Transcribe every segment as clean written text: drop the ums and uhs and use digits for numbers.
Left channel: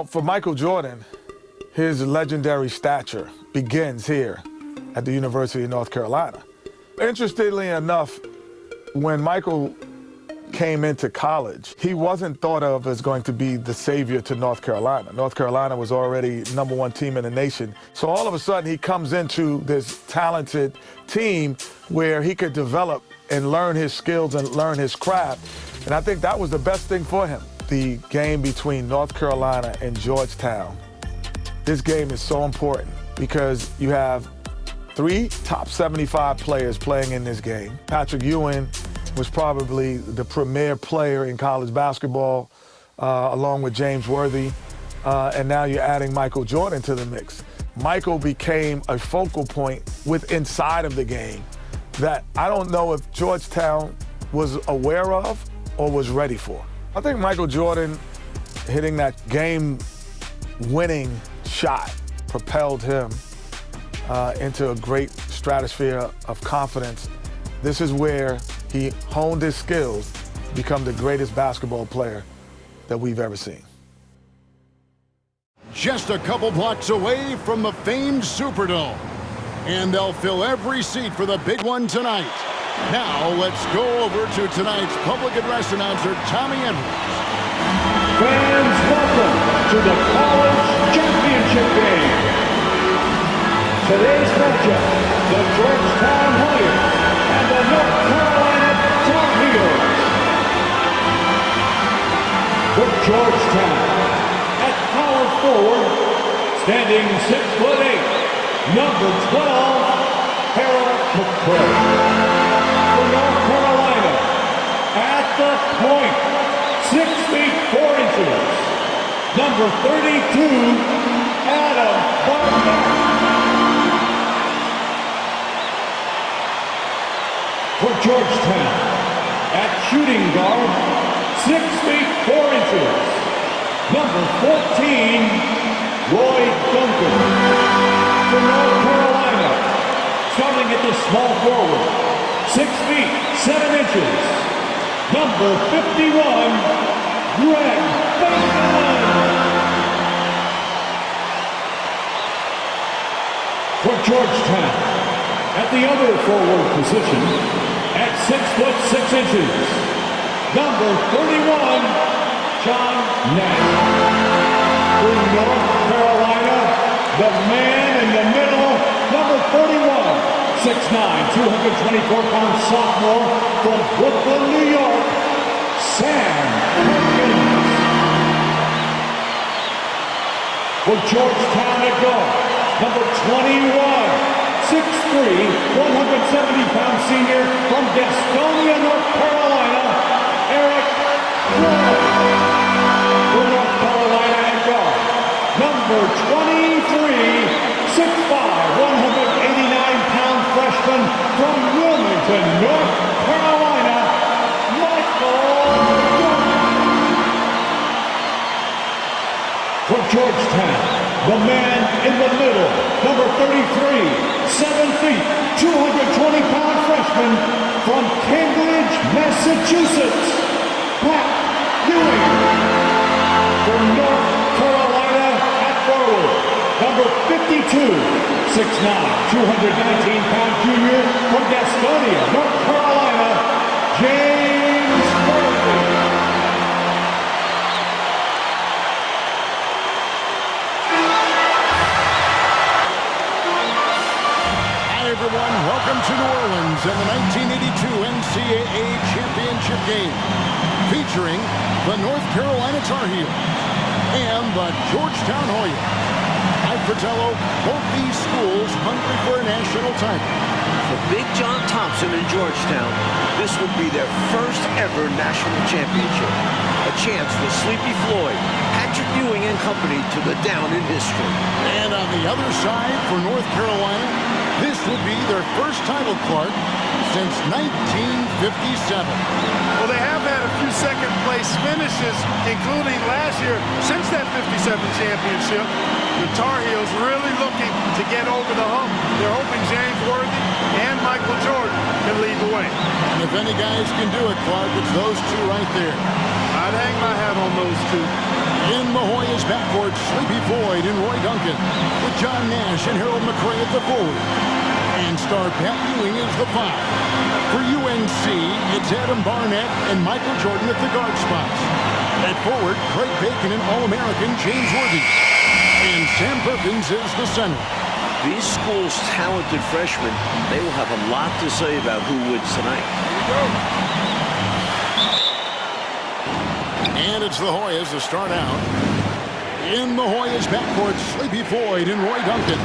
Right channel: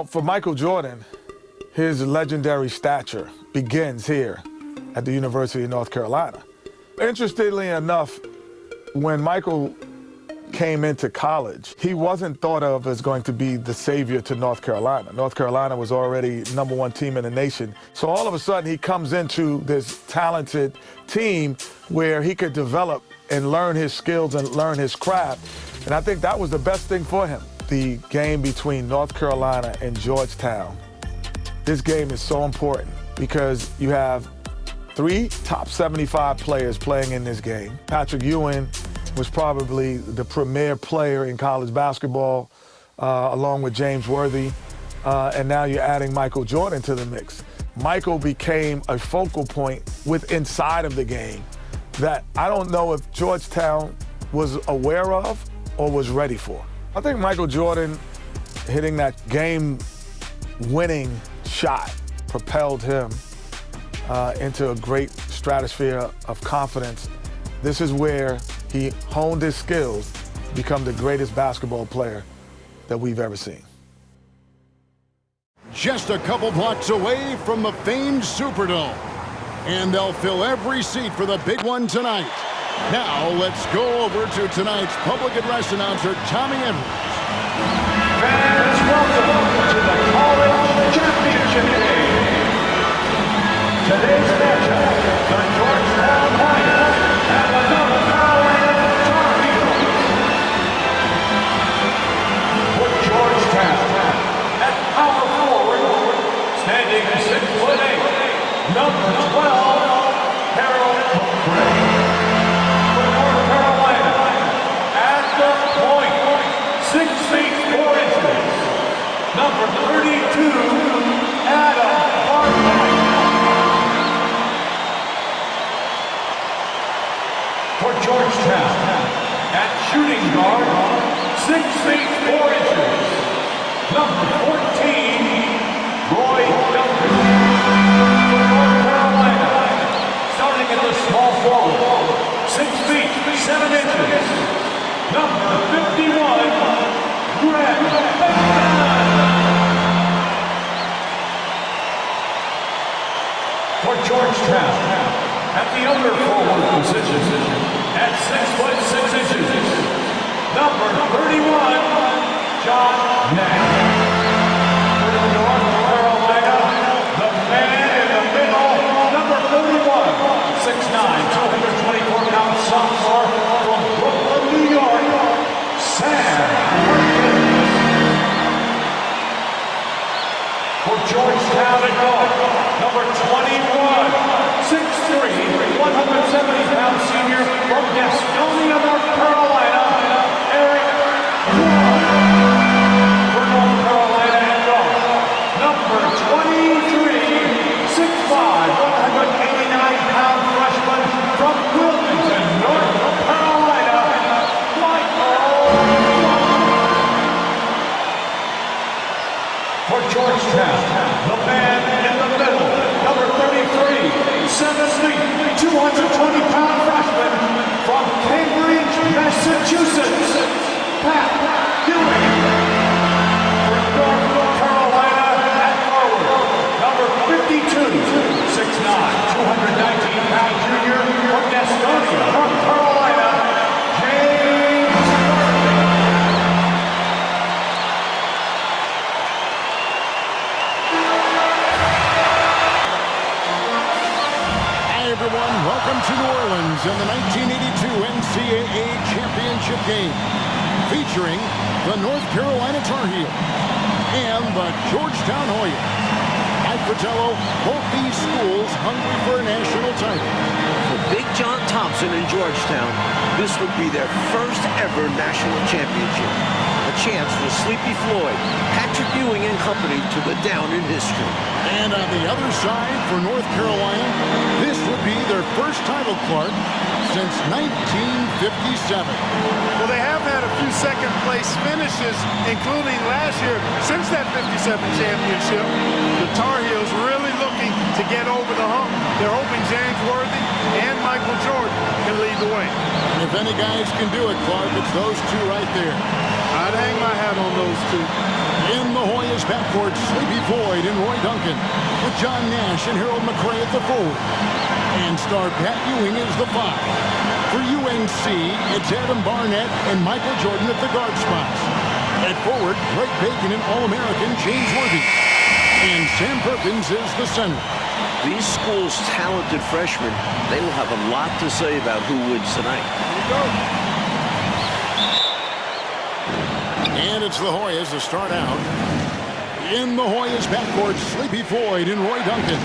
Well, for Michael Jordan, his legendary stature begins here at the University of North Carolina. Interestingly enough, when Michael came into college, he wasn't thought of as going to be the savior to North Carolina. North Carolina was already #1 team in the nation. So all of a sudden he comes into this talented team where he could develop and learn his skills and learn his craft. And I think that was the best thing for him. The game between North Carolina and Georgetown. This game is so important because you have 3 top 75 players playing in this game. Patrick Ewing was probably the premier player in college basketball, along with James Worthy, and now you're adding Michael Jordan to the mix. Michael became a focal point inside of the game that I don't know if Georgetown was aware of or was ready for. I think Michael Jordan hitting that game-winning shot propelled him into a great stratosphere of confidence. This is where he honed his skills to become the greatest basketball player that we've ever seen. Just a couple blocks away from the famed Superdome. And they'll fill every seat for the big one tonight. Now let's go over to tonight's public address announcer, Tommy Edwards. Fans, welcome to the College Championship Game. Today's matchup, the Georgetown Hoyas and the North Carolina Tar Heels. For Georgetown, at power forward, standing 6'8", number 12, Harold McCray. For North Carolina, at the point, 6 feet 4 inches, number 32, Adam Barnett. For Georgetown, at shooting guard, 6 feet 4 inches, number 14, Roy Duncan. For North Carolina, starting at the small forward, 6 feet 7 inches, number 51, Greg Bateman. For Georgetown, at the other forward position, at 6 foot 6 inches, number 31, John Nash. For North Carolina, the man in the middle, number 41, 6'9", 224-pound sophomore from Brooklyn, New York, Sam Perkins. For Georgetown at guard, number 21, 6'3", 170-pound senior from Gastonia, North Carolina, Eric Crow. For North Carolina at guard, number 23, 6'5", 189-pound freshman from Wilmington, North Carolina, Michael Jordan. For Georgetown, the man in the middle, number 33, 7 feet, 220-pound freshman from Cambridge, Massachusetts, Pat Ewing. For North Carolina at forward, number 52, 6'9", 219-pound junior from Gastonia, North Carolina, James Worthy. Hi, everyone. Welcome to New Orleans and the 1982 NCAA Championship Game, featuring the North Carolina Tar Heels and the Georgetown Hoyas. Mike Fratello, both these schools hungry for a national title. For Big John Thompson in Georgetown, this would be their first ever national championship. A chance for Sleepy Floyd, Patrick Ewing and company to go down in history. And on the other side, for North Carolina, this would be their first title, Clark, since 1957. Well, they have had a few second-place finishes, including last year. Since that 57 championship, the Tar Heels really looking to get over the hump. They're hoping James Worthy and Michael Jordan can lead the way. And if any guys can do it, Clark, it's those two right there. I'd hang my hat on those two. In the Hoyas backcourt, Sleepy Floyd and Roy Duncan, with John Nash and Harold McRae at the forward. And star Pat Ewing is the 5. For UNC, it's Adam Barnett and Michael Jordan at the guard spots. At forward, Greg Bacon and All-American James Worthy. And Sam Perkins is the center. These schools' talented freshmen, they will have a lot to say about who wins tonight. Here we go. And it's the Hoyas to start out. In the Hoyas backcourt, Sleepy Floyd and Roy Duncan,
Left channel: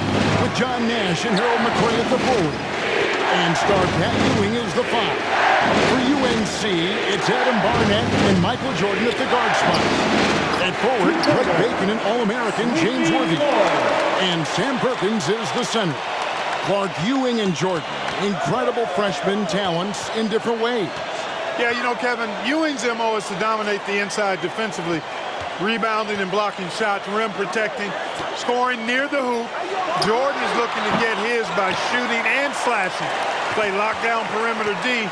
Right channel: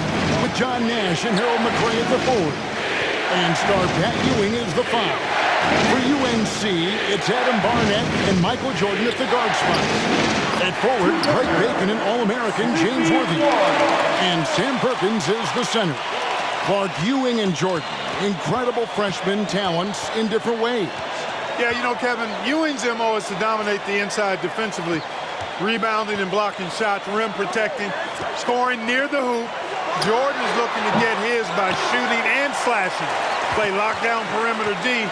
with John Nash and Harold McRae at the forward. And star Pat Ewing is the 5. For UNC, it's Adam Barnett and Michael Jordan at the guard spots. At forward, Greg Bacon and All-American James Worthy. And Sam Perkins is the center. Clark, Ewing, and Jordan, incredible freshman talents in different ways. Yeah, you know, Kevin, Ewing's MO is to dominate the inside defensively, rebounding and blocking shots, rim protecting, scoring near the hoop. Jordan is looking to get his by shooting and slashing. Play lockdown perimeter D.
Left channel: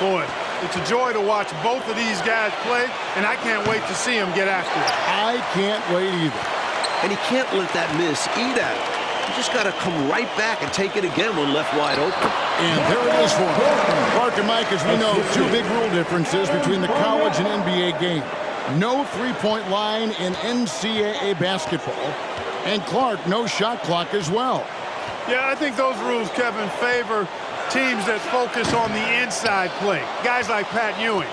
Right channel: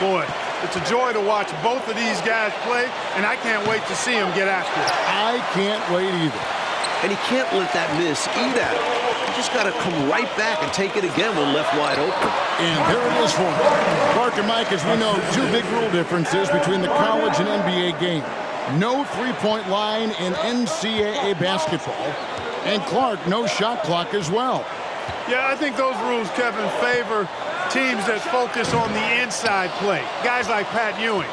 Boy, it's a joy to watch both of these guys play, and I can't wait to see them get after it. I can't wait either. And he can't let that miss eat at him. He just got to come right back and take it again when left wide open. And there it is for him. Clark and Mike, as we know, two big rule differences between the college and NBA game. No three-point line in NCAA basketball. And Clark, no shot clock as well. Yeah, I think those rules, Kevin, favor teams that focus on the inside play. Guys like Pat Ewing.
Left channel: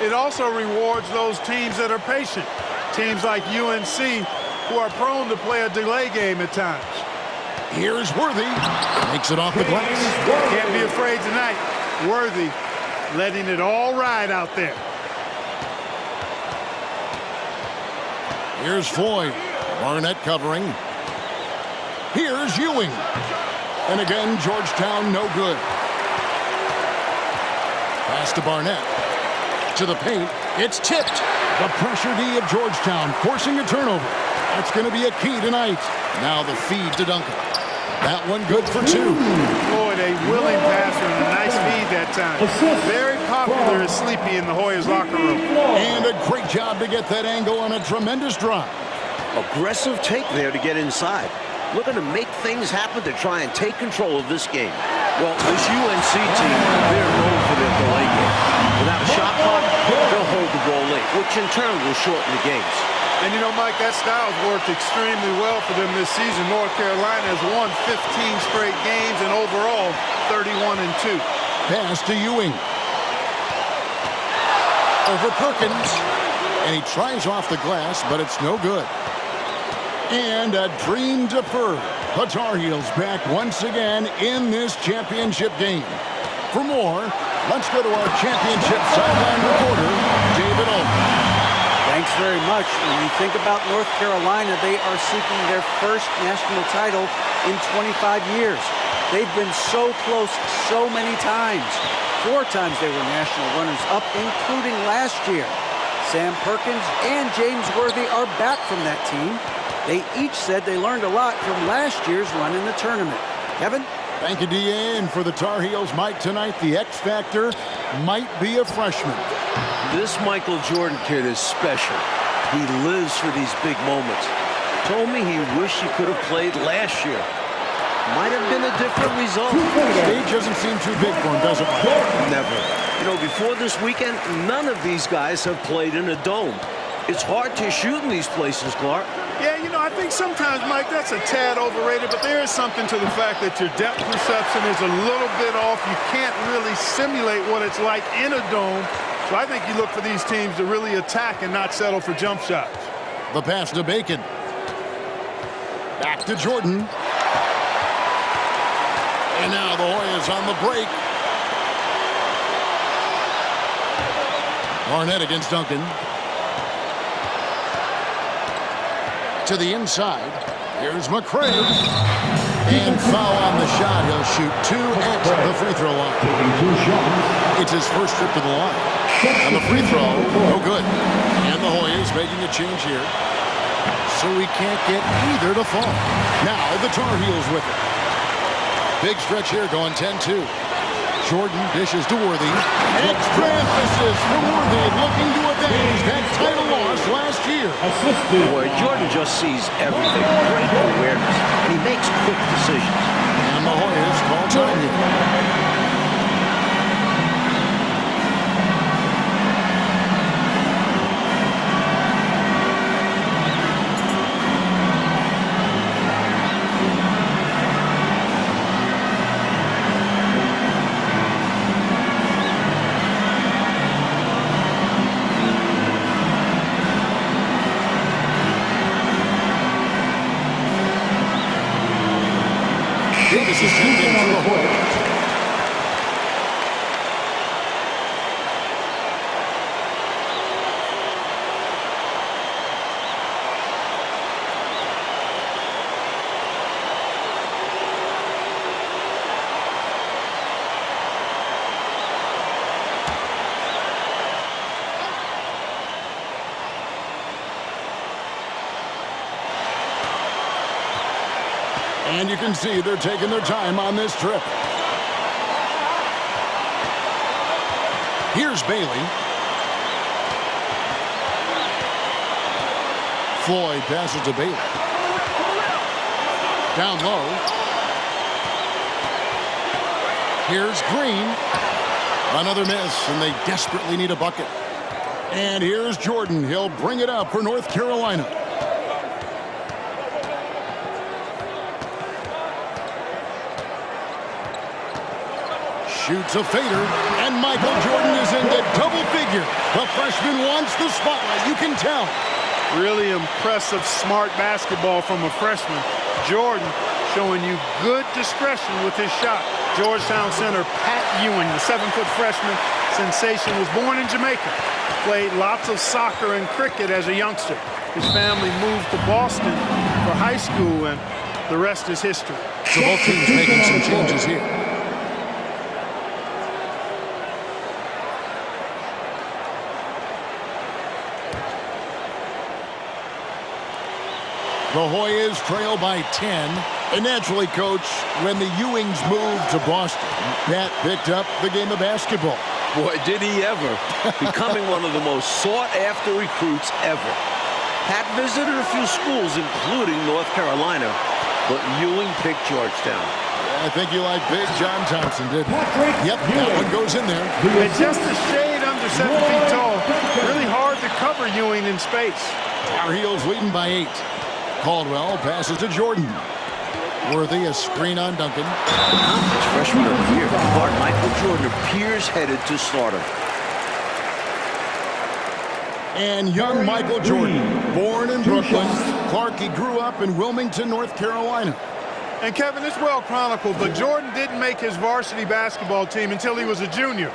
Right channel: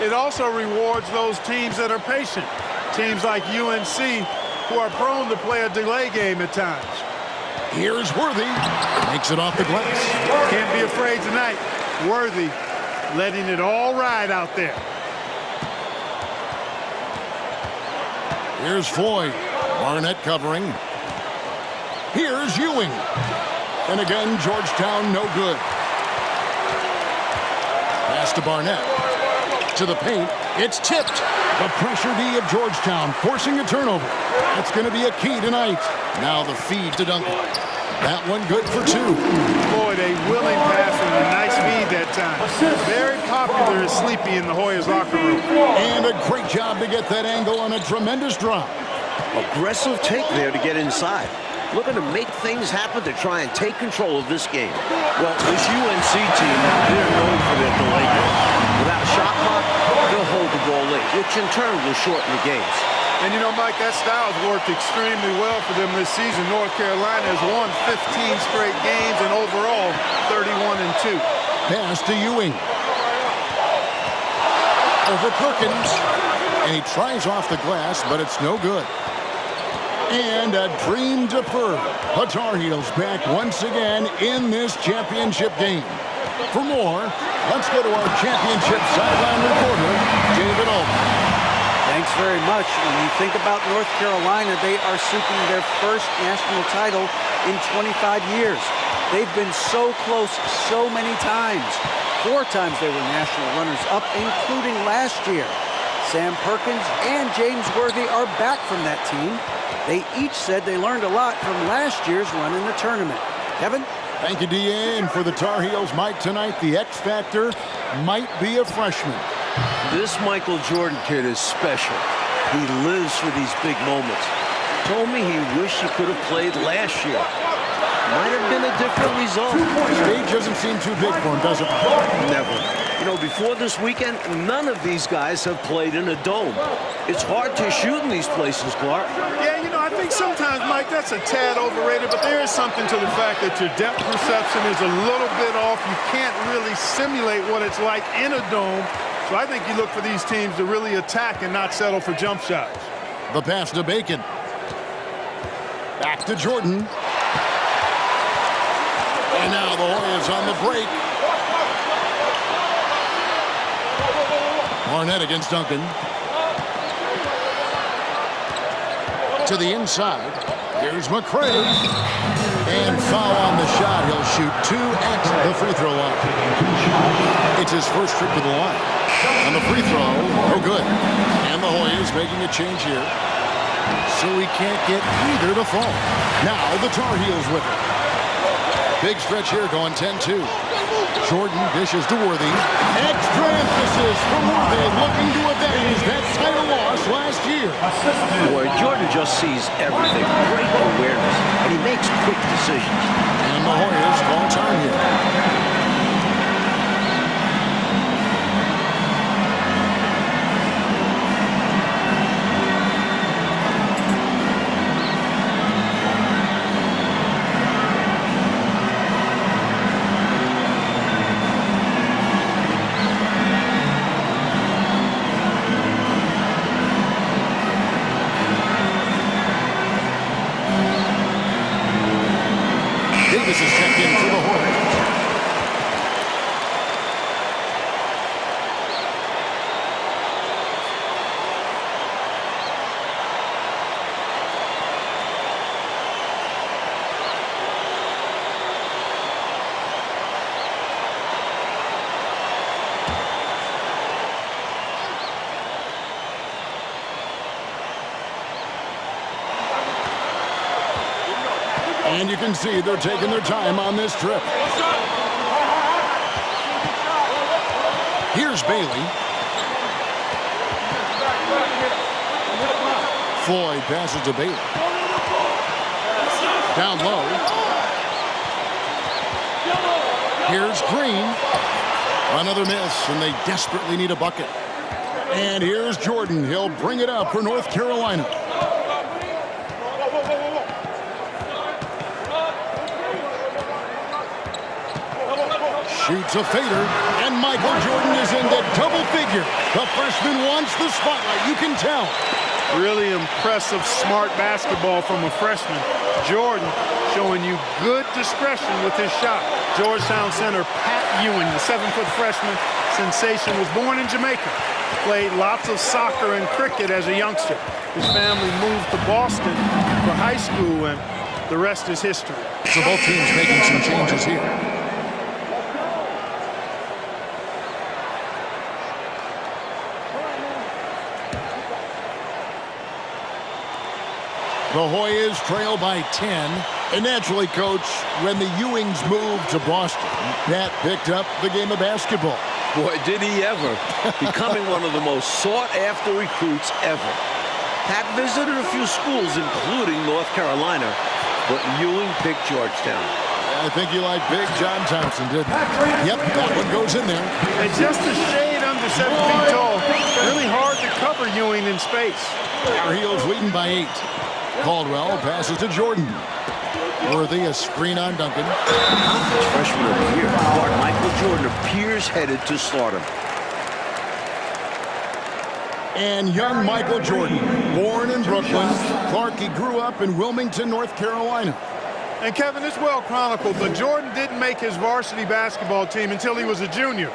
It also rewards those teams that are patient. Teams like UNC who are prone to play a delay game at times. Here's Worthy. Makes it off the glass. Can't be afraid tonight. Worthy letting it all ride out there. Here's Floyd. Barnett covering. Here's Ewing. And again, Georgetown no good. Pass to Barnett. To the paint. It's tipped. The pressure D of Georgetown forcing a turnover. That's going to be a key tonight. Now the feed to Duncan. That one good for 2. Floyd, a willing passer and a nice feed that time. Very popular as Sleepy in the Hoyas locker room. And a great job to get that angle on a tremendous drive. Aggressive take there to get inside. Looking to make things happen to try and take control of this game. Well, this UNC team, they're known for their delay game. Without a shot clock, they'll hold the ball late, which in turn will shorten the games. And you know, Mike, that style's worked extremely well for them this season. North Carolina has won 15 straight games and overall 31-2. Pass to Ewing. Over Perkins. And he tries off the glass, but it's no good. And a dream deferred. The Tar Heels back once again in this championship game. For more, let's go to our championship sideline reporter, David Altman. Thanks very much. When you think about North Carolina, they are seeking their first national title in 25 years. They've been so close so many times. 4 times they were national runners-up, including last year. Sam Perkins and James Worthy are back from that team. They each said they learned a lot from last year's run in the tournament. Kevin? Thank you, D.A. And for the Tar Heels, Mike, tonight, the X factor might be a freshman. This Michael Jordan kid is special. He lives for these big moments. Told me he wished he could have played last year. Might have been a different result. Stage doesn't seem too big for him, does it, Mike? Never. You know, before this weekend, none of these guys have played in a dome. It's hard to shoot in these places, Clark. Yeah, you know, I think sometimes, Mike, that's a tad overrated, but there is something to the fact that your depth perception is a little bit off. You can't really simulate what it's like in a dome. So I think you look for these teams to really attack and not settle for jump shots. The pass to Bacon. Back to Jordan. And now the Hoyas on the break. Barnett against Duncan. To the inside. Here's McRae. And foul on the shot. He'll shoot 2 at the free throw line. It's his first trip to the line. And the free throw, no good. And the Hoyas making a change here. So he can't get either to fall. Now the Tar Heels with it. Big stretch here going 10-2. Jordan dishes to Worthy. Extra emphasis from Worthy, looking to avenge that title loss last year. Assisted. Boy, Jordan just sees everything. Great awareness, and he makes quick decisions. And the Hoyas call time here. Davis is checked in for the Hoyas. And you can see they're taking their time on this trip. Here's Bailey. Floyd passes to Bailey. Down low. Here's Green. Another miss, and they desperately need a bucket. And here's Jordan. He'll bring it up for North Carolina. Shoots a fader, and Michael Jordan is into double figure. The freshman wants the spotlight, you can tell. Really impressive, smart basketball from a freshman. Jordan showing you good discretion with his shot. Georgetown center Pat Ewing, the 7-foot freshman sensation, was born in Jamaica. Played lots of soccer and cricket as a youngster. His family moved to Boston for high school, and the rest is history. So both teams making some changes here. The Hoyas trail by 10. And naturally, Coach, when the Ewings moved to Boston, Pat picked up the game of basketball. Boy, did he ever. Becoming one of the most sought-after recruits ever. Pat visited a few schools, including North Carolina, but Ewing picked Georgetown. Yeah, I think you like Big John Thompson, didn't you? Yep, that one goes in there. And just a shade under 7 feet tall. Really hard to cover Ewing in space. Our Heels leading by 8. Caldwell passes to Jordan. Worthy, a screen on Duncan. The conference freshman of the year, guard Michael Jordan appears headed to stardom. And young Michael Jordan, born in Brooklyn. Clark, he grew up in Wilmington, North Carolina. And Kevin, it's well chronicled, but Jordan didn't make his varsity basketball team until he was a junior.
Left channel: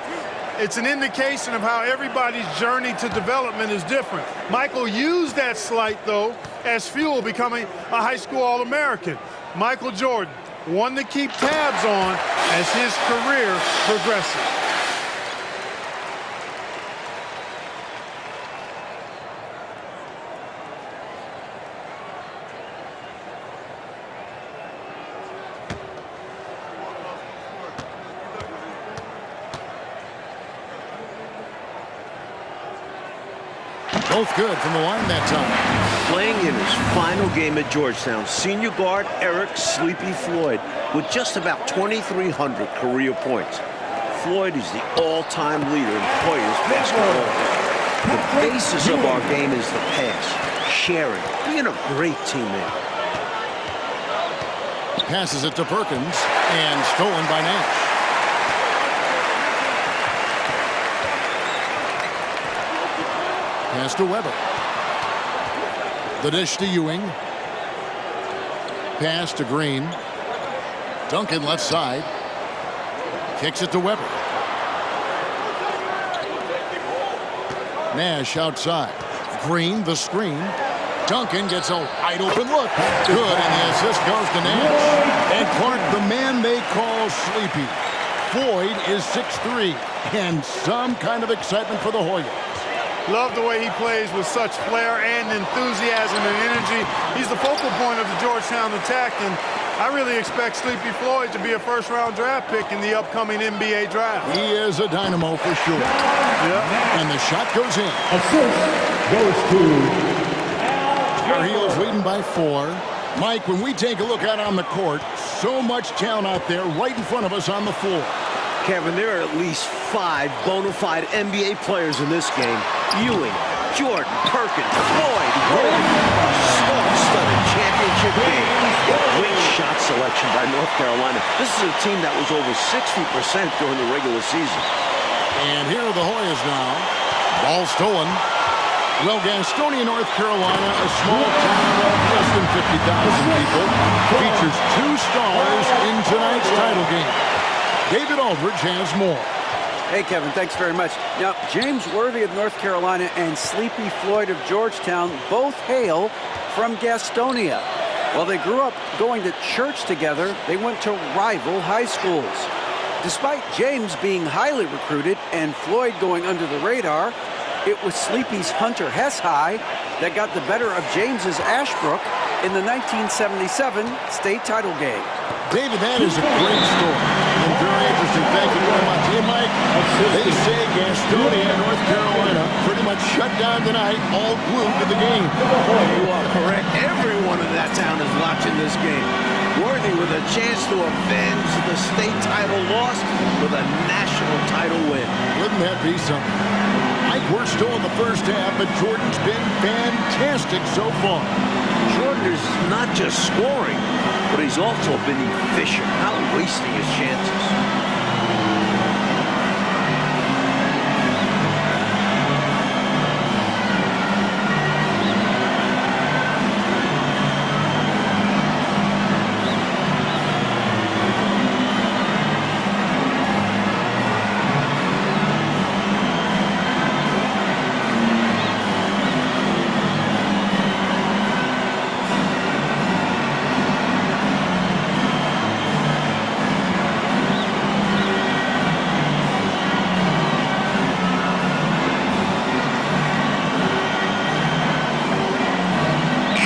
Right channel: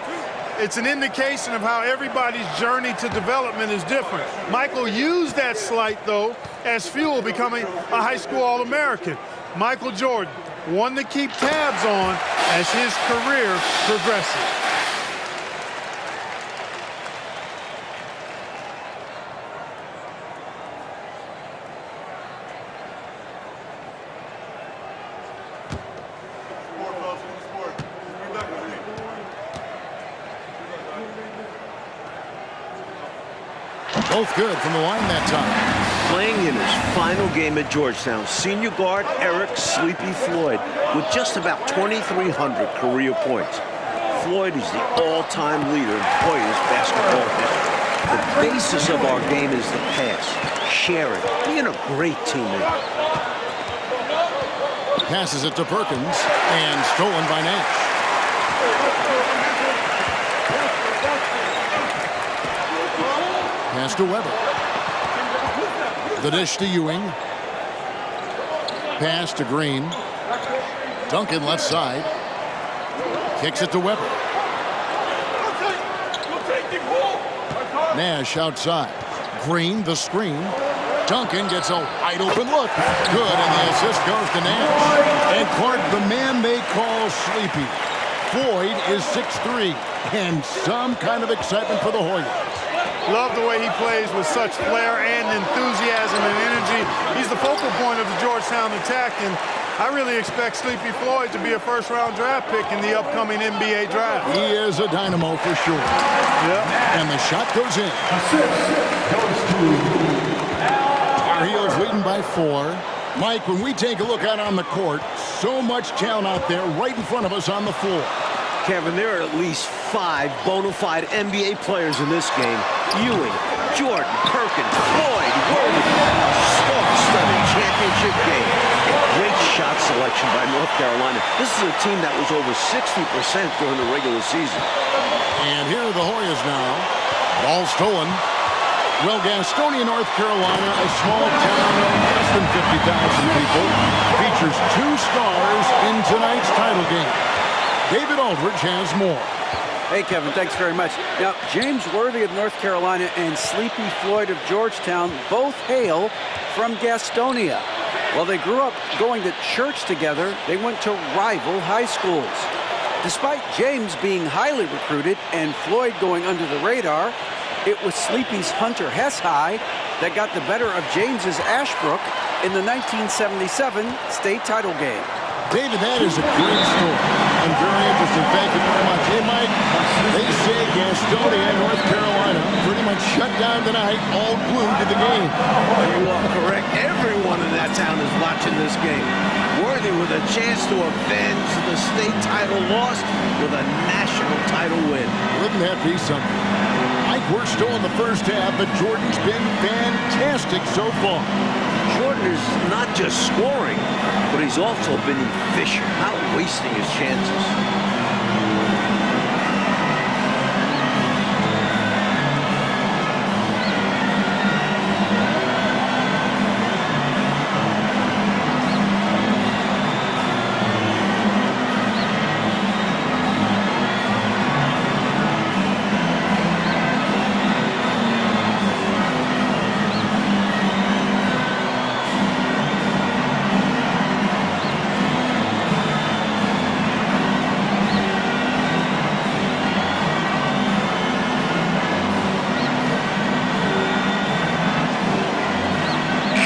It's an indication of how everybody's journey to development is different. Michael used that slight, though, as fuel, becoming a high school All-American. Michael Jordan, one to keep tabs on as his career progresses. Both good from the line that time. Playing in his final game at Georgetown, senior guard Eric "Sleepy" Floyd with just about 2,300 career points. Floyd is the all-time leader in Hoyas basketball history. The basis of our game is the pass, sharing, being a great teammate. Passes it to Perkins, and stolen by Nash. Pass to Weber. The dish to Ewing. Pass to Green. Duncan left side. Kicks it to Weber. Nash outside. Green, the screen. Duncan gets a wide open look. Good, and the assist goes to Nash. And Clark, the man they call Sleepy. Floyd is 6'3", and some kind of excitement for the Hoyas. Love the way he plays with such flair and enthusiasm and energy. He's the focal point of the Georgetown attack, and I really expect Sleepy Floyd to be a first-round draft pick in the upcoming NBA draft. He is a dynamo for sure. Yeah. And the shot goes in. Assist goes to Tar Heels leading by 4. Mike, when we take a look out on the court, so much talent out there right in front of us on the floor. Kevin, there are at least 5 bona fide NBA players in this game. Ewing, Jordan, Perkins, Floyd, Worthy. A star-studded championship game. A great shot selection by North Carolina. This is a team that was over 60% during the regular season. And here are the Hoyas now. Ball stolen. Well, Gastonia, North Carolina, a small town of less than 50,000 people, features 2 stars in tonight's title game. David Aldridge has more. Hey, Kevin, thanks very much. Now, James Worthy of North Carolina and Sleepy Floyd of Georgetown both hail from Gastonia. While they grew up going to church together, they went to rival high schools. Despite James being highly recruited and Floyd going under the radar, it was Sleepy's Hunter Hess High that got the better of James's Ashbrook in the 1977 state title game. David, that is a great story and very interesting. Thank you very much. Hey, Mike, they say Gastonia, North Carolina, pretty much shut down tonight, all glued to the game. You are correct. Everyone in that town is watching this game. Worthy with a chance to avenge the state title loss with a national title win. Wouldn't that be something? Mike, we're still in the first half, but Jordan's been fantastic so far. Jordan is not just scoring, but he's also been efficient, not wasting his chances.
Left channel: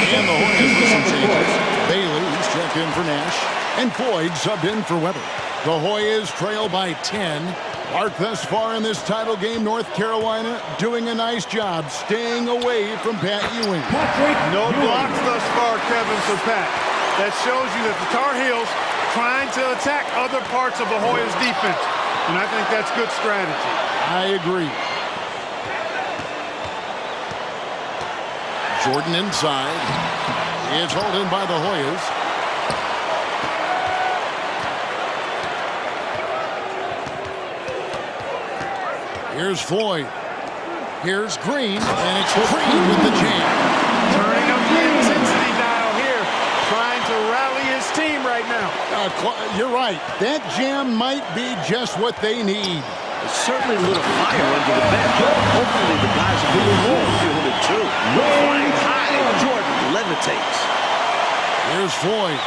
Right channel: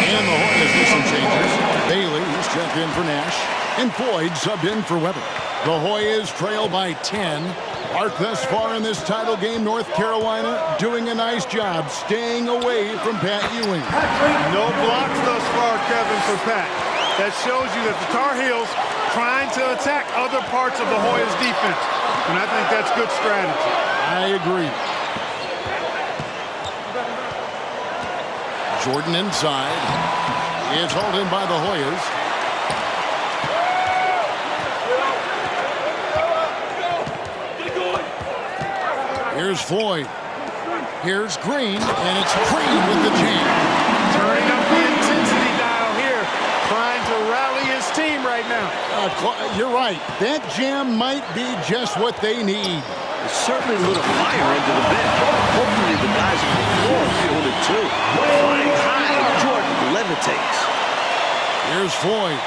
And the Hoyas with some changes. Bailey, he's checked in for Nash. And Floyd subbed in for Weber. The Hoyas trail by 10. Clark, thus far in this title game, North Carolina doing a nice job staying away from Pat Ewing. No blocks thus far, Kevin, for Pat. That shows you that the Tar Heels trying to attack other parts of the Hoyas defense. And I think that's good strategy. I agree. Jordan inside. It's hauled in by the Hoyas. Here's Floyd. Here's Green, and it's Green with the jam. Turning up the intensity dial here, trying to rally his team right now. You're right. That jam might be just what they need. It certainly lit a fire under the bench. Hopefully the guys on the floor feeling it too. Flying high, Jordan levitates. Here's Floyd.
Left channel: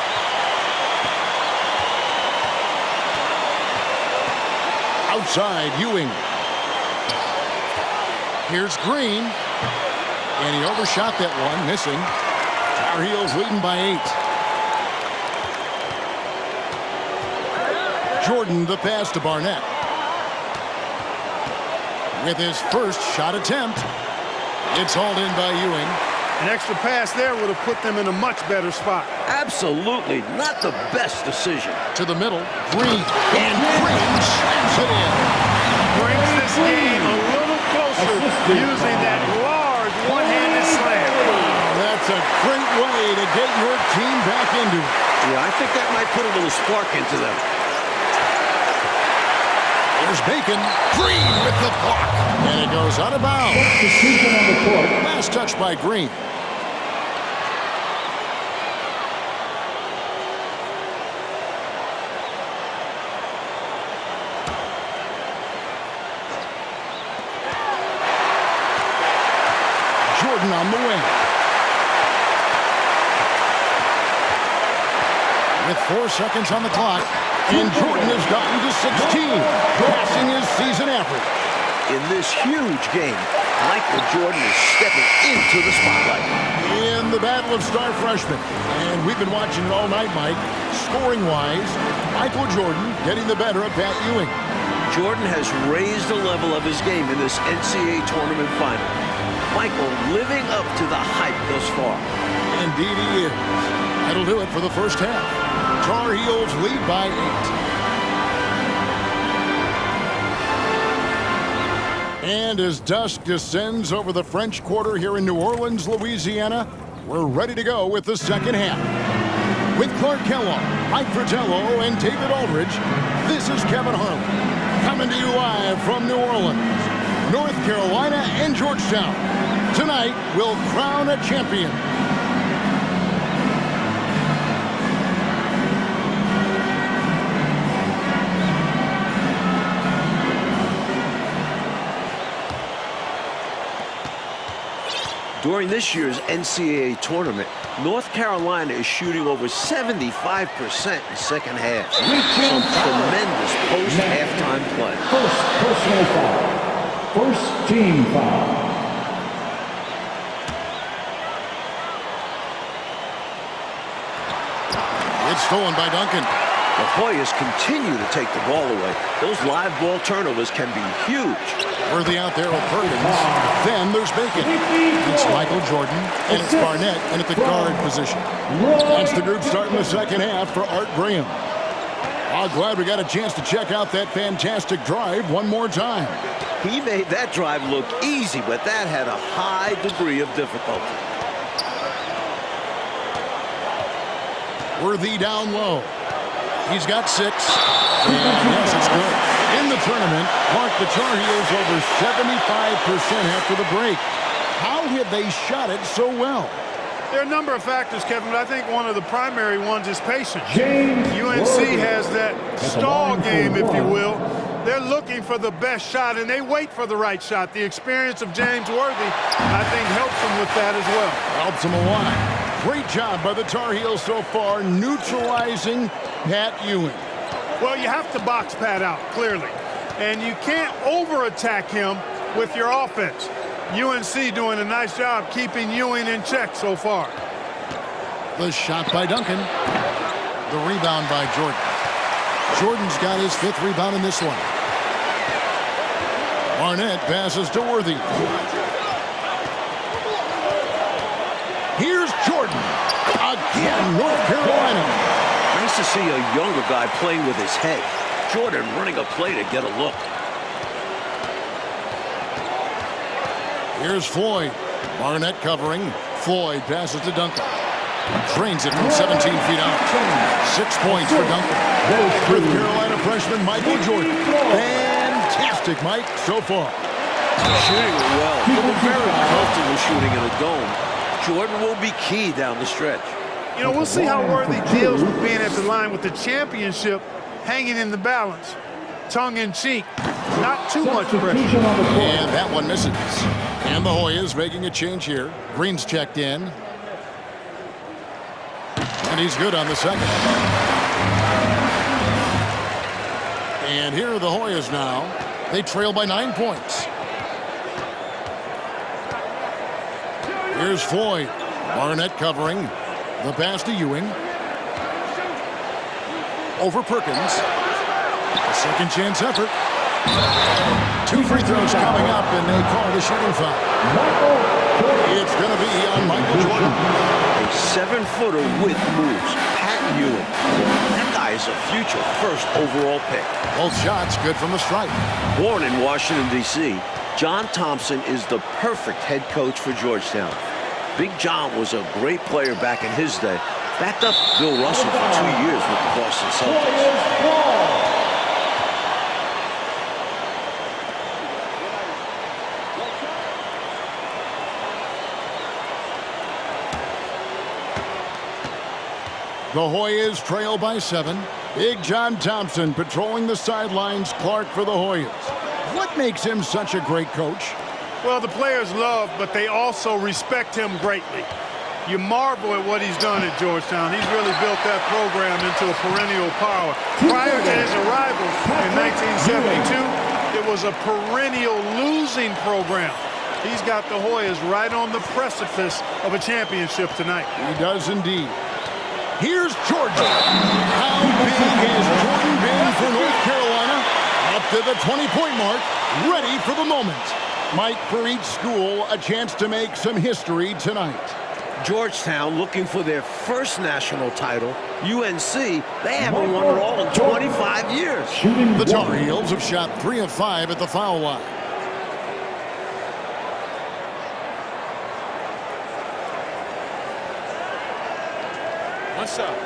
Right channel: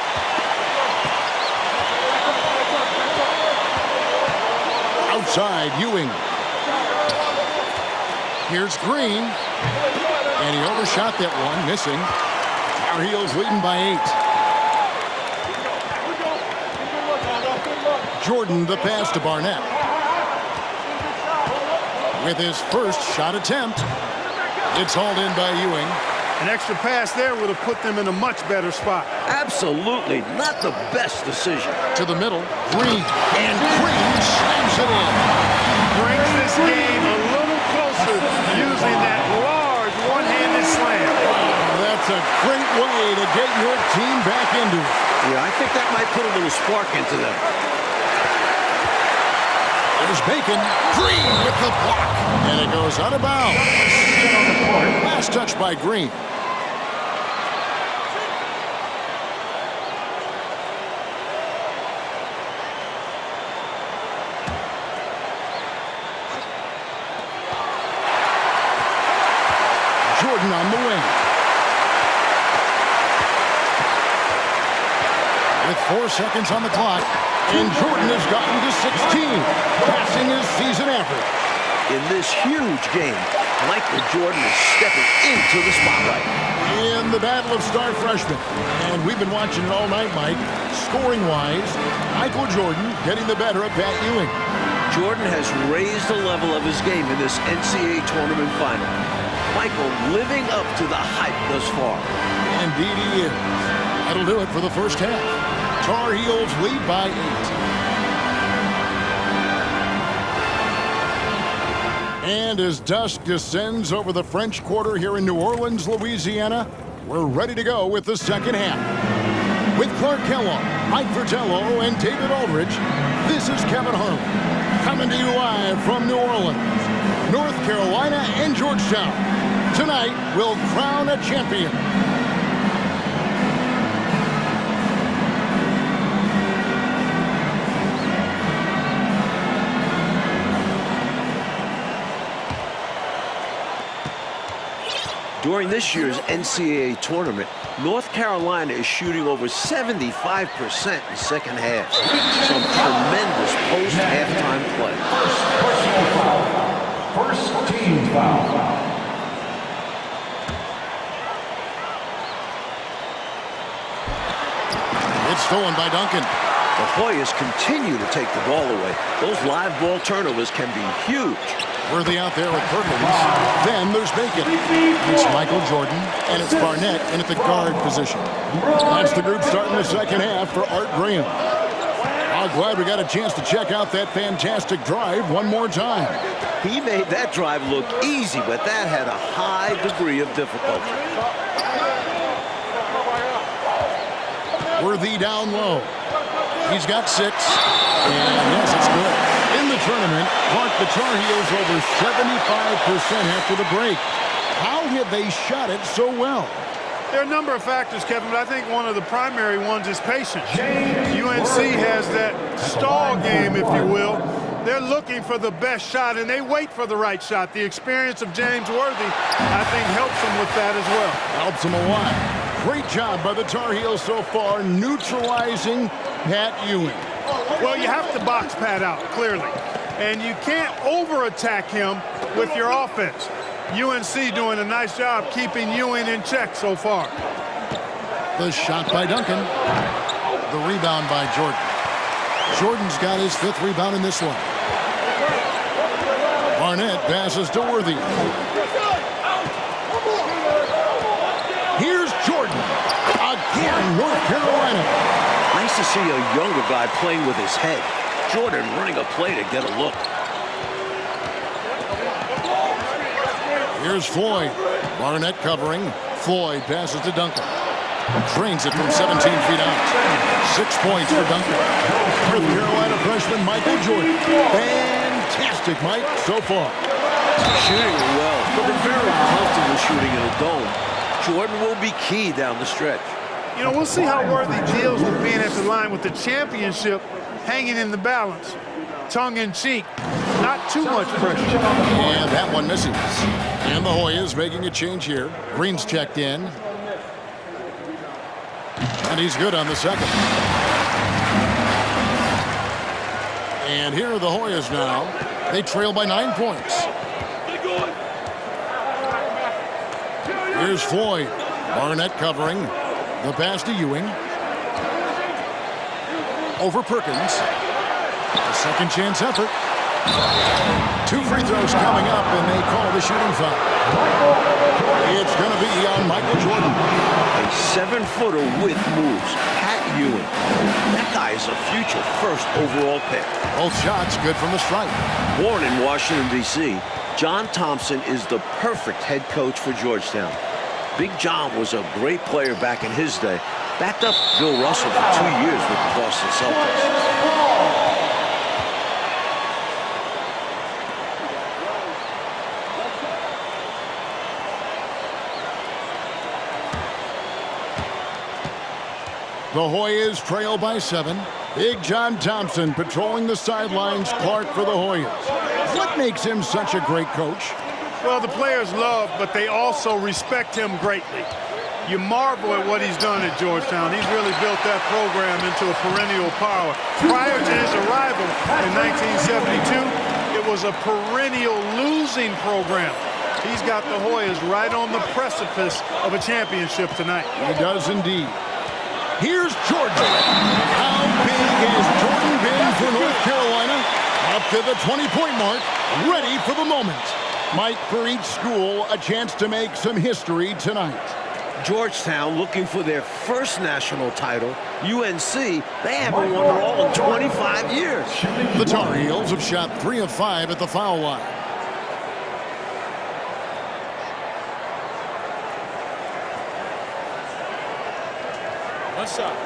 Outside, Ewing. Here's Green. And he overshot that one, missing. Tar Heels leading by 8. Jordan the pass to Barnett. With his first shot attempt, it's hauled in by Ewing. An extra pass there would have put them in a much better spot. Absolutely not the best decision. To the middle, Green. And Green slams it in. Brings this game a little closer using that large one-handed slam. Wow, that's a great way to get your team back into it. Yeah, I think that might put a little spark into them. There's Bacon. Green with the block. And it goes out of bounds. decision on the court. Last touch by Green. Jordan on the wing. With 4 seconds on the clock, and Jordan has gotten to 16, passing his season average. In this huge game, Michael Jordan is stepping into the spotlight. In the battle of star freshmen. And we've been watching it all night, Mike. Scoring-wise, Michael Jordan getting the better of Pat Ewing. Jordan has raised the level of his game in this NCAA tournament final. Michael living up to the hype thus far. Indeed he is. That'll do it for the first half. Tar Heels lead by 8. And as dusk descends over the French Quarter here in New Orleans, Louisiana, we're ready to go with the second half. With Clark Kellogg, Mike Fratello, and David Aldridge, this is Kevin Harlan, coming to you live from New Orleans, North Carolina, and Georgetown. Tonight, we'll crown a champion. During this year's NCAA tournament, North Carolina is shooting over 75% in second half. Some tremendous post-halftime play. First personal foul. First team foul. It's stolen by Duncan. The Hoyas continue to take the ball away. Those live ball turnovers can be huge. Worthy out there with Perkins. Then there's Bacon. It's Michael Jordan, and it's Barnett in at the guard position. That's the group starting the second half for Art Graham. I'm glad we got a chance to check out that fantastic drive one more time. He made that drive look easy, but that had a high degree of difficulty. Worthy down low. He's got 6, and yes, it's good. In the tournament, Clark, the Tar Heels over 75% after the break. How have they shot it so well? There are a number of factors, Kevin, but I think one of the primary ones is patience. UNC has that stall game, if you will. They're looking for the best shot, and they wait for the right shot. The experience of James Worthy, I think, helps them with that as well. Helps them a lot. Great job by the Tar Heels so far, neutralizing Pat Ewing. Well, you have to box Pat out, clearly. And you can't over-attack him with your offense. UNC doing a nice job keeping Ewing in check so far. The shot by Duncan. The rebound by Jordan. Jordan's got his 5th rebound in this one. Barnett passes to Worthy. Here's Jordan. Again, North Carolina. Nice to see a younger guy playing with his head. Jordan running a play to get a look. Here's Floyd. Barnett covering. Floyd passes to Duncan. Drains it from 17 feet out. 6 points for Duncan. North Carolina freshman Michael Jordan. Fantastic, Mike, so far. Shooting it well, but they're very comfortable shooting in a dome. Jordan will be key down the stretch. You know, we'll see how Worthy deals with being at the line with the championship hanging in the balance. Tongue-in-cheek, not too much pressure. And that one misses. And the Hoyas making a change here. Green's checked in. And he's good on the second. And here are the Hoyas now. They trail by 9 points. Here's Floyd. Barnett covering. The pass to Ewing. Over Perkins. A second chance effort. 2 free throws coming up, and they call the shooting foul. It's going to be on Michael Jordan. A 7-footer with moves. Pat Ewing. That guy is a future first overall pick. Both shots good from the stripe. Born in Washington, D.C., John Thompson is the perfect head coach for Georgetown. Big John was a great player back in his day. Backed up Bill Russell for 2 years with the Boston Celtics. The Hoyas trail by 7. Big John Thompson patrolling the sidelines. Clark for the Hoyas. What makes him such a great coach? Well, the players love, but they also respect him greatly. You marvel at what he's done at Georgetown. He's really built that program into a perennial power. Prior to his arrival in 1972, it was a perennial losing program. He's got the Hoyas right on the precipice of a championship tonight. He does indeed. Here's Jordan. How big has Jordan been for North Carolina? Up to the 20-point mark, ready for the moment. Mike, for each school, a chance to make some history tonight. Georgetown looking for their first national title. UNC, they haven't won it all in 25 years. The Tar Heels have shot 3 of 5 at the foul line. One shot.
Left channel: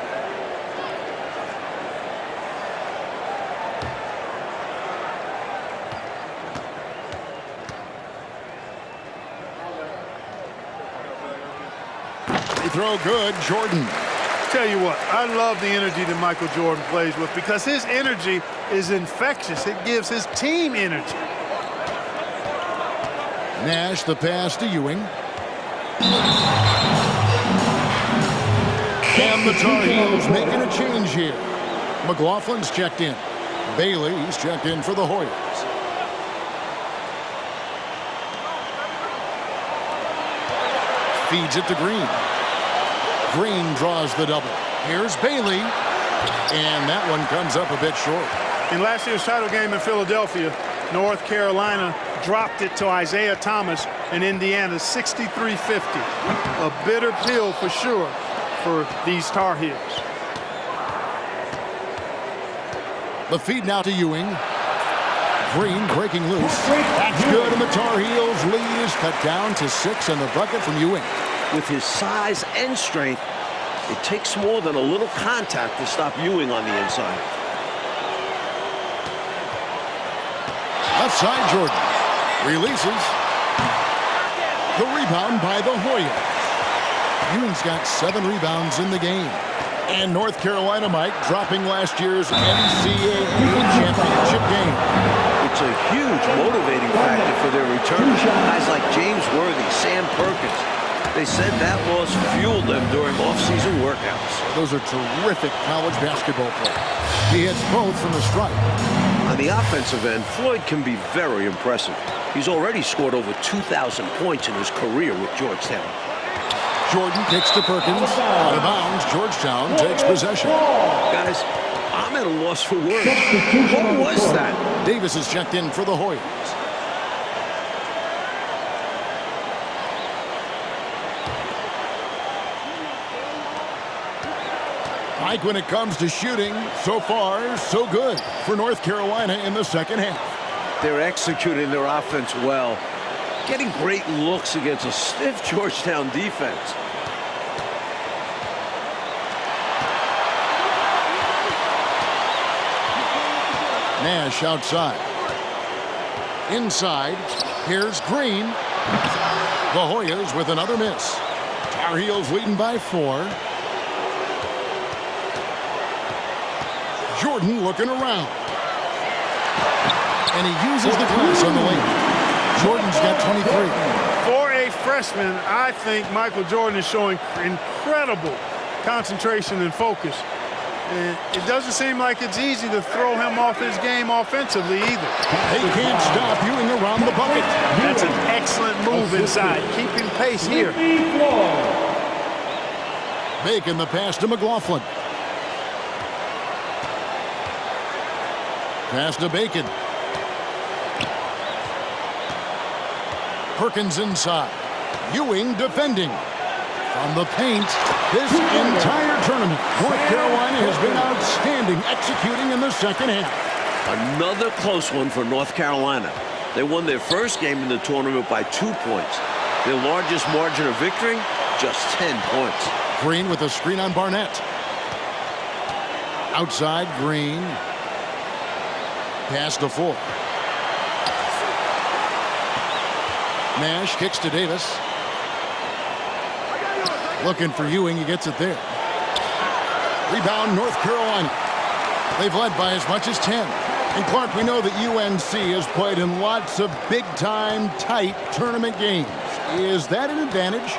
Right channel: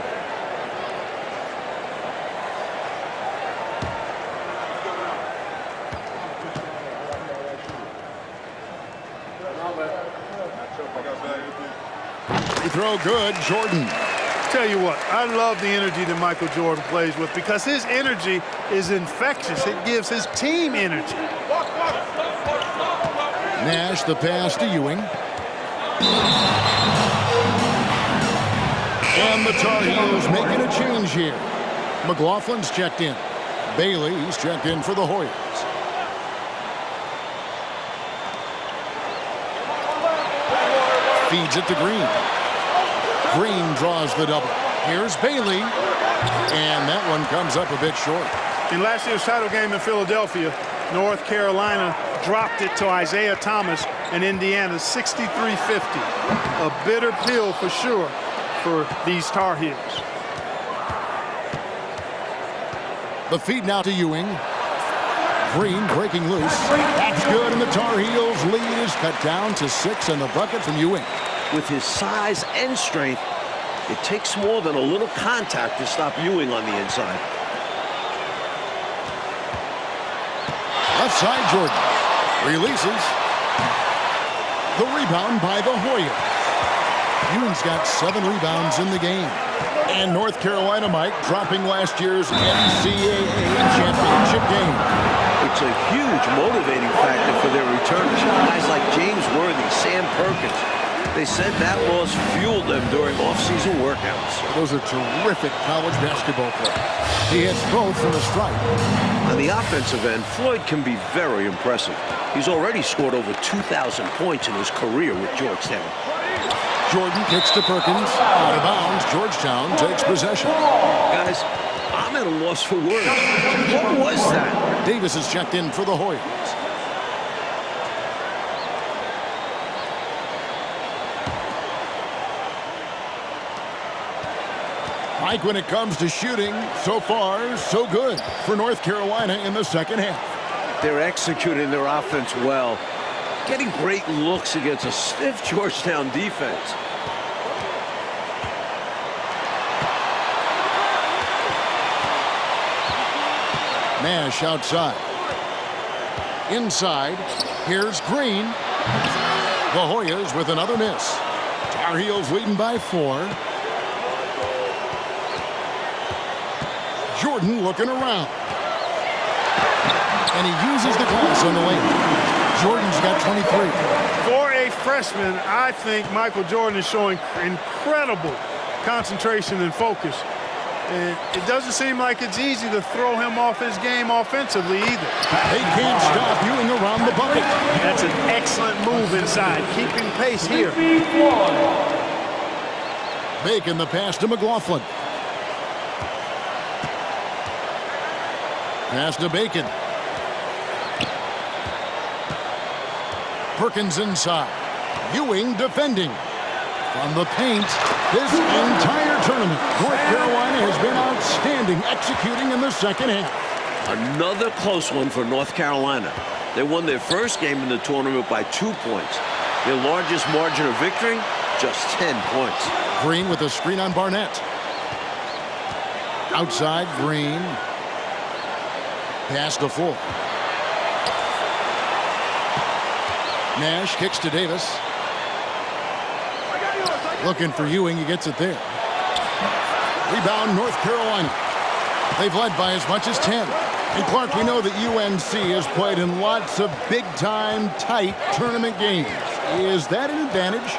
Free throw good, Jordan. Tell you what, I love the energy that Michael Jordan plays with because his energy is infectious. It gives his team energy. Nash the pass to Ewing. And the Tar Heels making a change here. McLaughlin's checked in. Bailey's checked in for the Hoyas. Feeds it to Green. Green draws the double. Here's Bailey. And that one comes up a bit short. In last year's title game in Philadelphia, North Carolina dropped it to Isaiah Thomas and Indiana 63-50. A bitter pill for sure for these Tar Heels. The feed now to Ewing. Green breaking loose. That's good, and the Tar Heels' lead is cut down to 6 and the bucket from Ewing. With his size and strength, it takes more than a little contact to stop Ewing on the inside. Left side, Jordan. Releases. The rebound by the Hoyas. Ewing's got 7 rebounds in the game. And North Carolina, Mike, dropping last year's NCAA championship game. It's a huge motivating factor for their returners. Guys like James Worthy, Sam Perkins. They said that loss fueled them during off-season workouts. Those are terrific college basketball players. He hits both from the stripe. On the offensive end, Floyd can be very impressive. He's already scored over 2,000 points in his career with Georgetown. Jordan kicks to Perkins. Out of bounds, Georgetown takes possession. Guys, I'm at a loss for words. What was that? Davis is checked in for the Hoyas. Mike, when it comes to shooting, so far, so good for North Carolina in the second half. They're executing their offense well, getting great looks against a stiff Georgetown defense. Nash outside. Inside, here's Green. The Hoyas with another miss. Tar Heels leading by 4. Jordan looking around. And he uses the glass on the lane. Jordan's got 23. For a freshman, I think Michael Jordan is showing incredible concentration and focus. And it doesn't seem like it's easy to throw him off his game offensively either. They can't stop Ewing around the bucket. That's an excellent move inside, keeping pace here. Bacon the pass to McLaughlin. Pass to Bacon. Perkins inside. Ewing defending. From the paint, this entire tournament, North Carolina has been outstanding executing in the second half. Another close one for North Carolina. They won their first game in the tournament by 2 points. Their largest margin of victory, just 10 points. Green with a screen on Barnett. Outside, Green. Pass to Full. Nash kicks to Davis. Looking for Ewing, he gets it there. Rebound, North Carolina. They've led by as much as 10. And Clark, we know that UNC has played in lots of big-time, tight tournament games. Is that an advantage?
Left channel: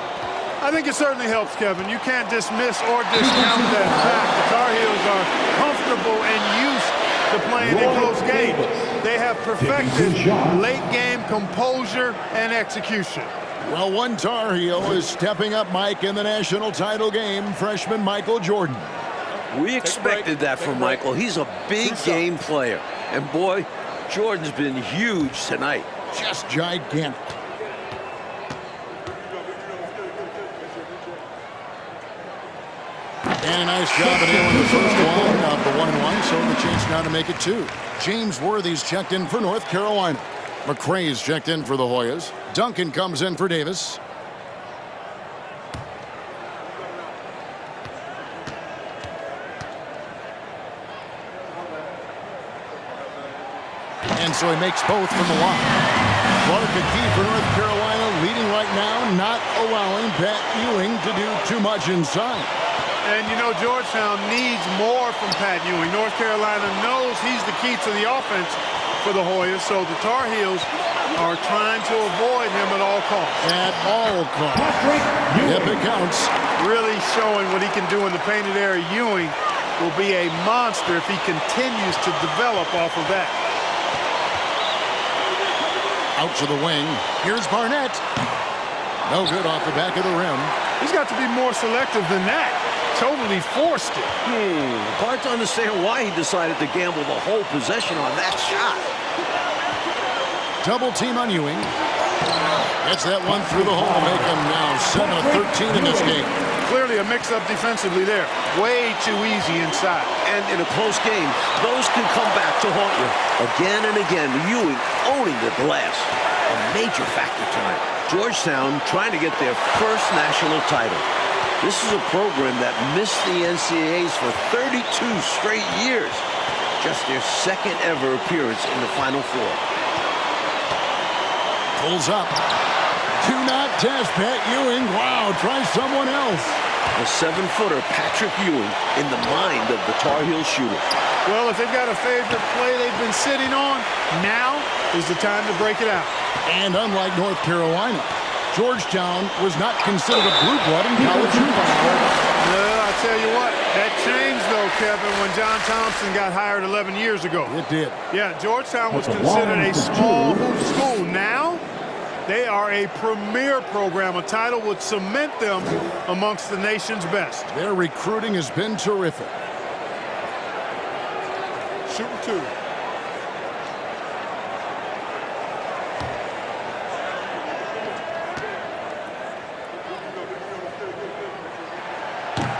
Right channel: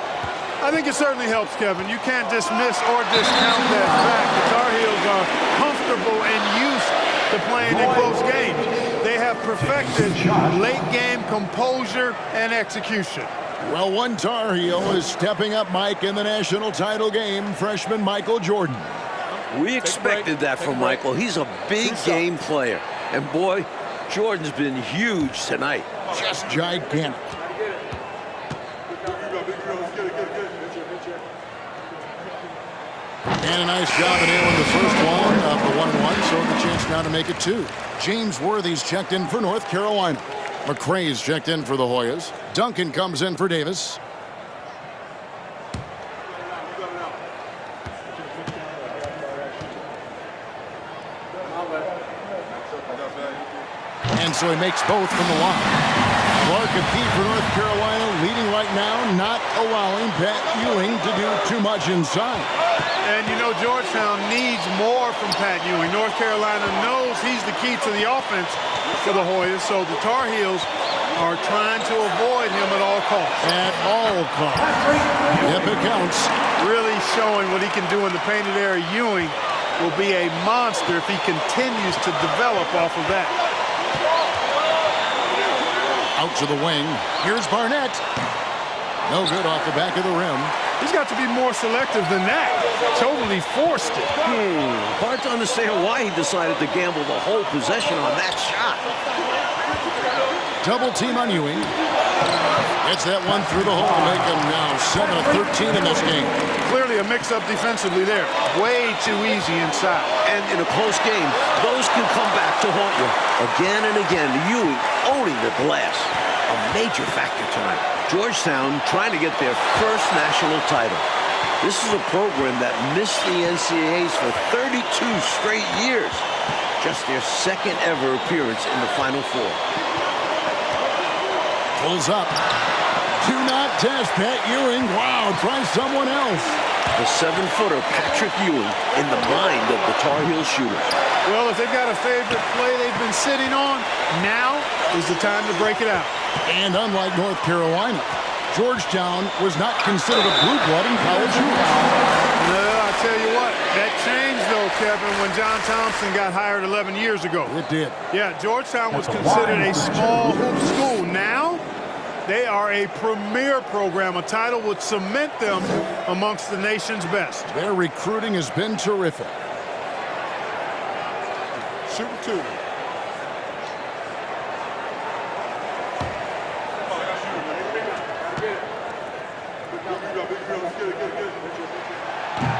I think it certainly helps, Kevin. You can't dismiss or discount that fact. The Tar Heels are comfortable and used to playing in close games. They have perfected late-game composure and execution. Well, one Tar Heel is stepping up, Mike, in the national title game, freshman Michael Jordan. We expected that from Michael. He's a big game player. And boy, Jordan's been huge tonight. Just gigantic. And a nice job of nailing the first one of the 1-and-1, so the chance now to make it 2. James Worthy's checked in for North Carolina. McCray's checked in for the Hoyas. Duncan comes in for Davis. And so he makes both from the line. Clark, a key for North Carolina, leading right now, not allowing Pat Ewing to do too much inside. And you know, Georgetown needs more from Pat Ewing. North Carolina knows he's the key to the offense for the Hoyas, so the Tar Heels are trying to avoid him at all costs. At all costs. Yep, it counts. Really showing what he can do in the painted area. Ewing will be a monster if he continues to develop off of that. Out to the wing. Here's Barnett. No good off the back of the rim. He's got to be more selective than that. Totally forced it. Hard to understand why he decided to gamble the whole possession on that shot. Double team on Ewing. Gets that one through the hole to make him now 7 of 13 in this game. Clearly a mix-up defensively there. Way too easy inside. And in a close game, those can come back to haunt you. Again and again, Ewing owning the glass. A major factor tonight. Georgetown trying to get their first national title. This is a program that missed the NCAAs for 32 straight years. Just their second ever appearance in the Final Four. Pulls up. Do not test Pat Ewing. Wow, try someone else. The 7-footer Patrick Ewing in the mind of the Tar Heel shooters. Well, if they've got a favorite play they've been sitting on, now is the time to break it out. And unlike North Carolina, Georgetown was not considered a blue blood in college hoops. No, I tell you what, that changed though, Kevin, when John Thompson got hired 11 years ago. It did. Yeah, Georgetown was considered a small hoop school. Now, they are a premier program. A title would cement them amongst the nation's best. Their recruiting has been terrific. Shooting 2.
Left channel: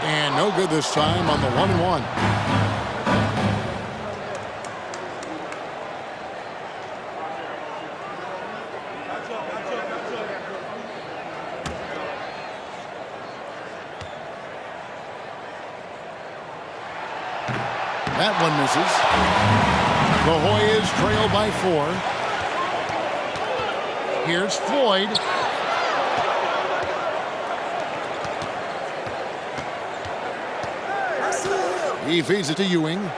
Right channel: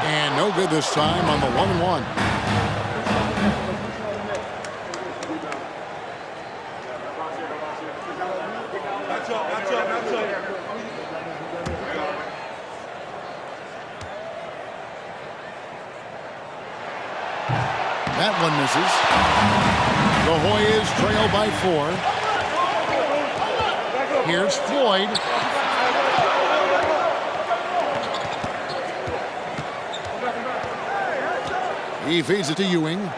And no good this time on the 1-and-1. That one misses. The Hoyas trail by 4. Here's Floyd. He feeds it to Ewing.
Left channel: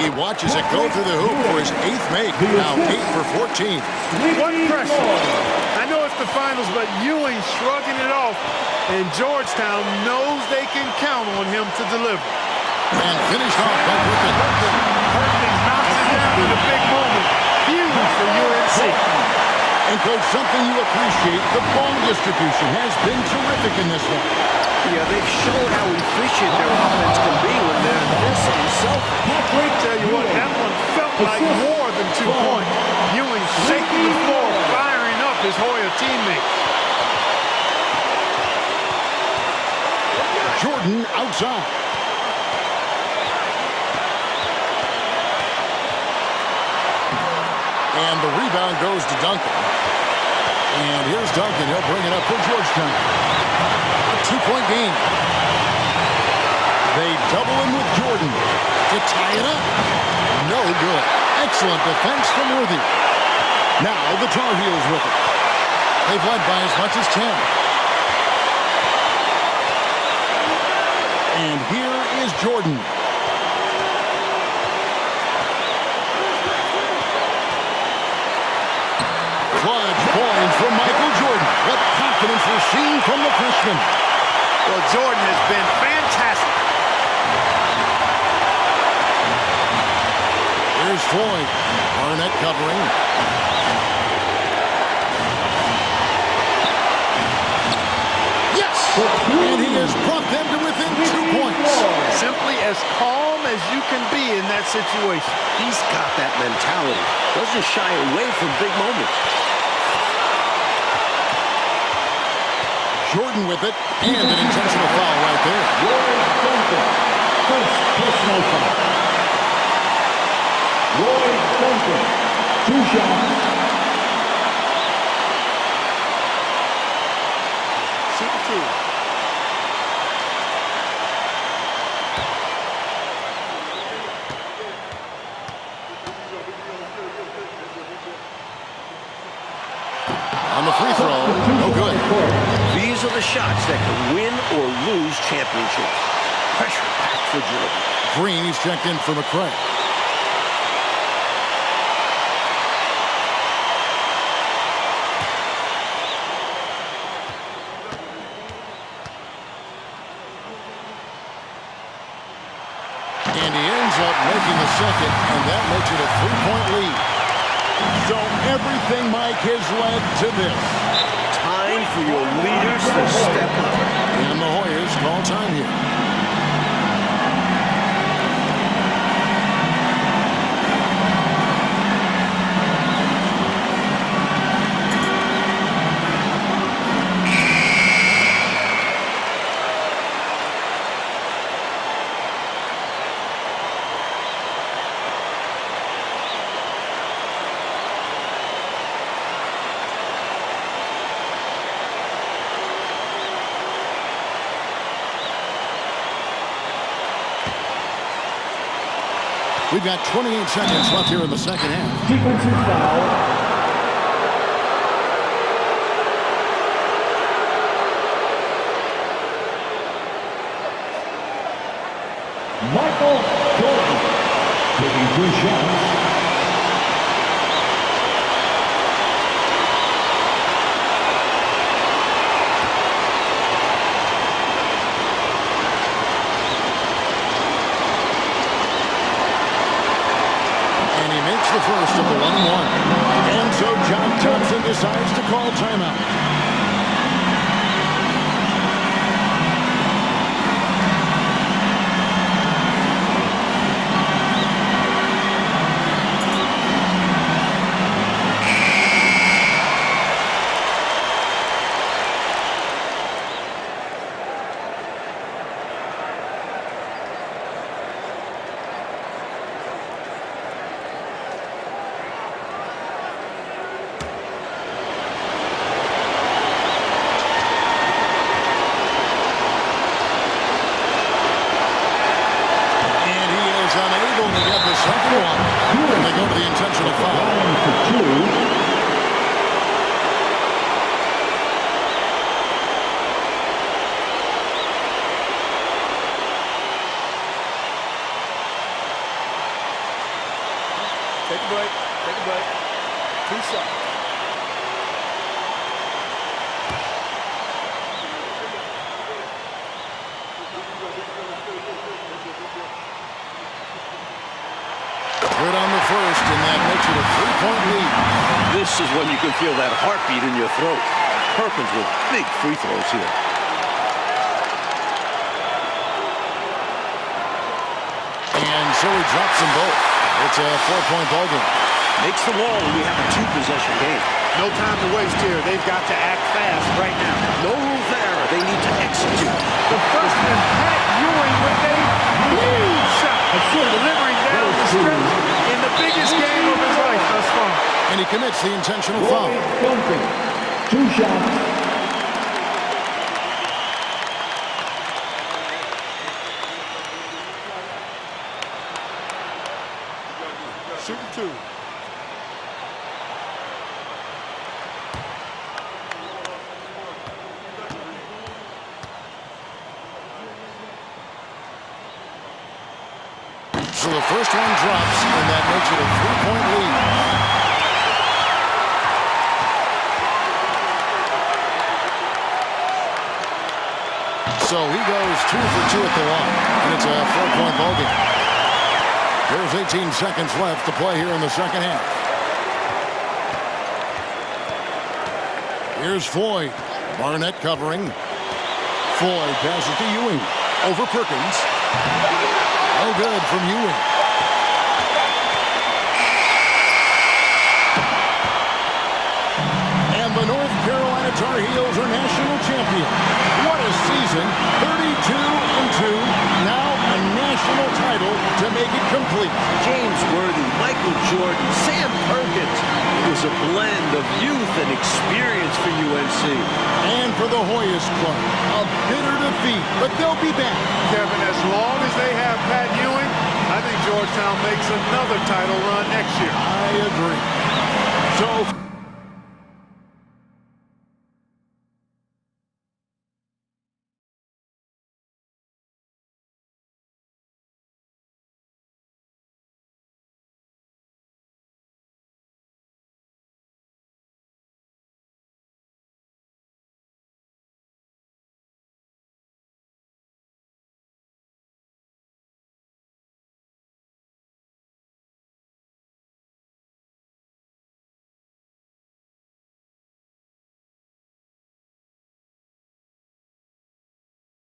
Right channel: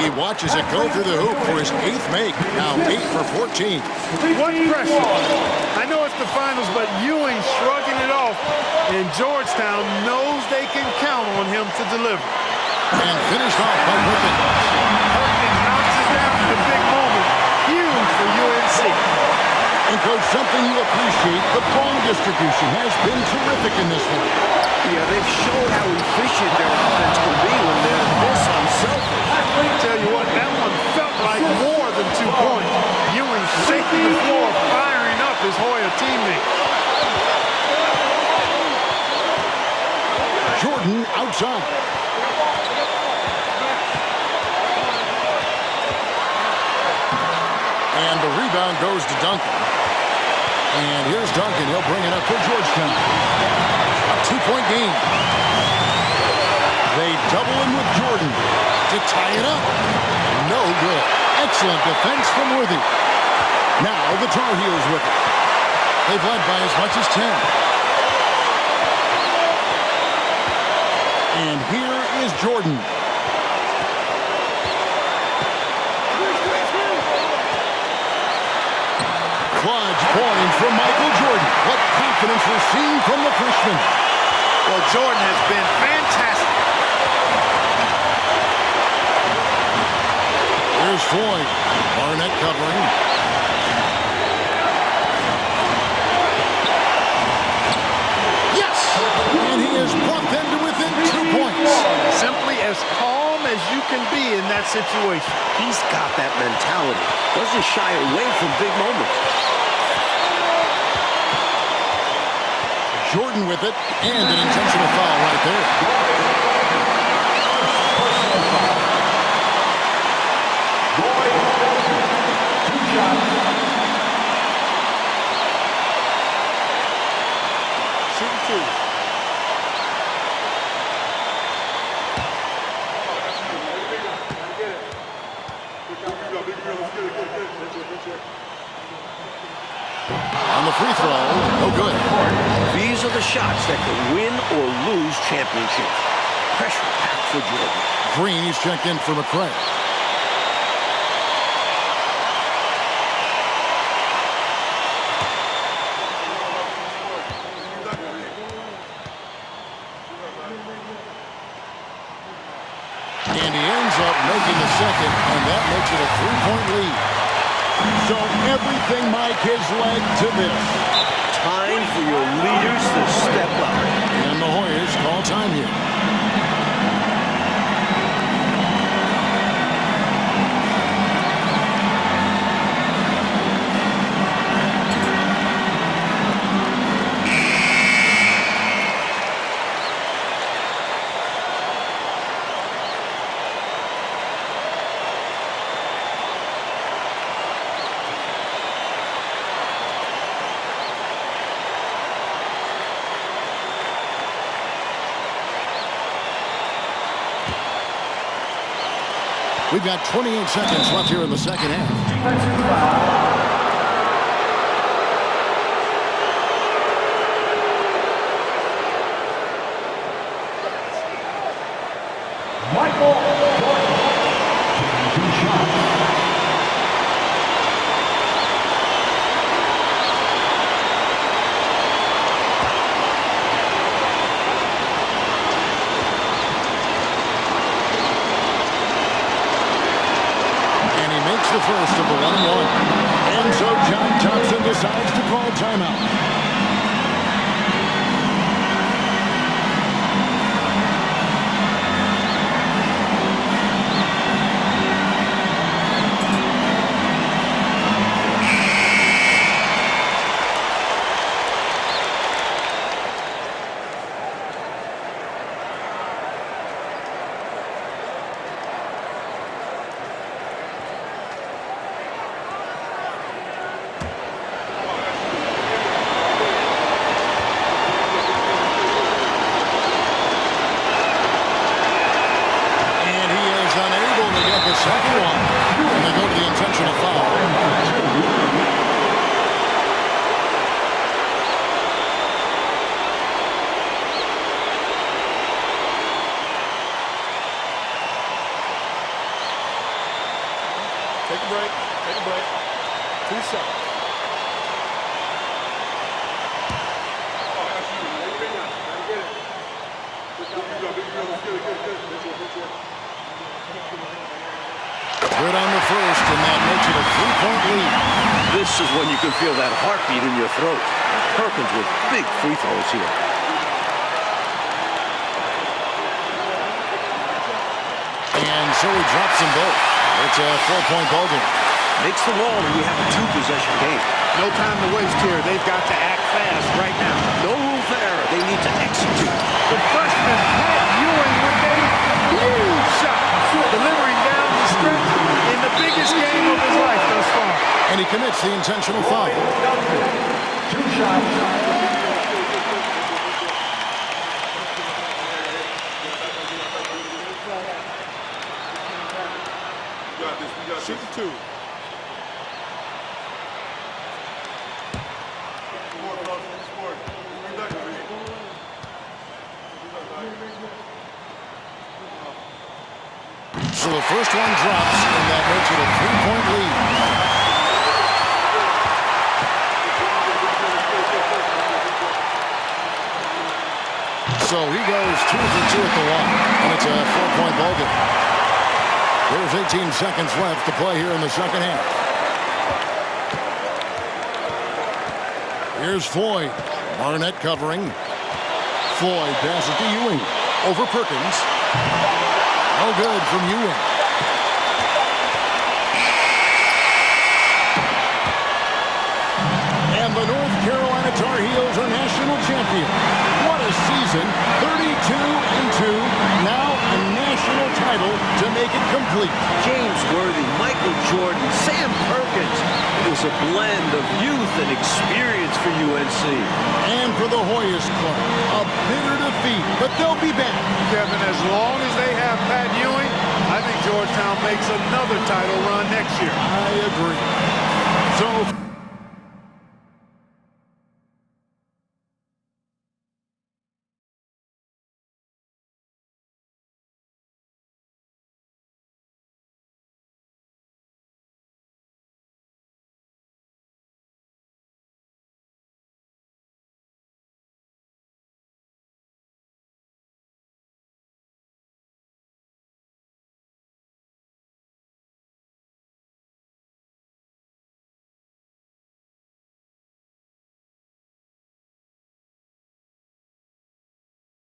He watches it go through the hoop for his 8th make. Now 8 for 14. What pressure. I know it's the finals, but Ewing shrugging it off. And Georgetown knows they can count on him to deliver. And finished off by Perkins. Perkins knocks it down in a big moment. Huge for UNC. And, Coach, something you appreciate, the ball distribution has been terrific in this one. Yeah, they've shown how efficient their offense can be when they're this unselfish. Tell you what, that one felt like more than 2 points. Ewing shaking the floor, firing up his Hoya teammates. Jordan outside. And the rebound goes to Duncan. And here's Duncan. He'll bring it up for Georgetown. A 2-point game. They double him with Jordan to tie it up. No good. Excellent defense from Worthy. Now the Tar Heels with it. They've led by as much as 10. And here is Jordan. Clutch point from Michael Jordan. What confidence we're seeing from the freshman. Well, Jordan has been fantastic. Here's Floyd. Barnett covering. Yes! And he has brought them to within 2 points. Simply as calm as you can be in that situation. He's got that mentality. Doesn't shy away from big moments. Jordan with it, and an intentional foul right there. First personal foul. Roy Elder, 2 shots. Shooting 2. On the free throw, no good. These are the shots that can win or lose championships. Pressure packed for Jordan. Green, he's checked in for McRae. And he ends up making the second, and that makes it a 3-point lead. So everything, Mike, has led to this. Time for your leaders to step up. And the Hoyas call time here. We've got 28 seconds left here in the second half. Defensive foul. Michael Jordan taking 2 shots. And he makes the first of the 1-1. And so John Thompson decides to call timeout. Unable to get the second one. And they go to the intentional foul. Take a break. Take a break. 2 shots. Good on the first, and that makes it a 3-point lead. This is when you can feel that heartbeat in your throat. Perkins with big free throws here. And so he drops them both. It's a 4-point ball game. Makes them all, and we have a 2-possession game. No time to waste here. They've got to act fast right now. No room for error. They need to execute. The freshman, Pat Ewing, with a huge shot. Delivering down the stretch in the biggest game of his life thus far. And he commits the intentional foul. 2 shots. Shooting 2. So the first one drops, and that makes it a 3-point lead. So he goes 2 for 2 at the line, and it's a 4-point ball game. There's 18 seconds left to play here in the second half. Here's Floyd. Barnett covering. Floyd passes to Ewing. Over Perkins. No good from Ewing. And the North Carolina Tar Heels are national champion. What a season. 32-2. Now a national title to make it complete. James Worthy, Michael Jordan, Sam Perkins. It was a blend of youth and experience for UNC. And for the Hoyas Club, a bitter defeat, but they'll be back. Kevin, as long as they have Pat Ewing, I think Georgetown makes another title run next year. I agree. So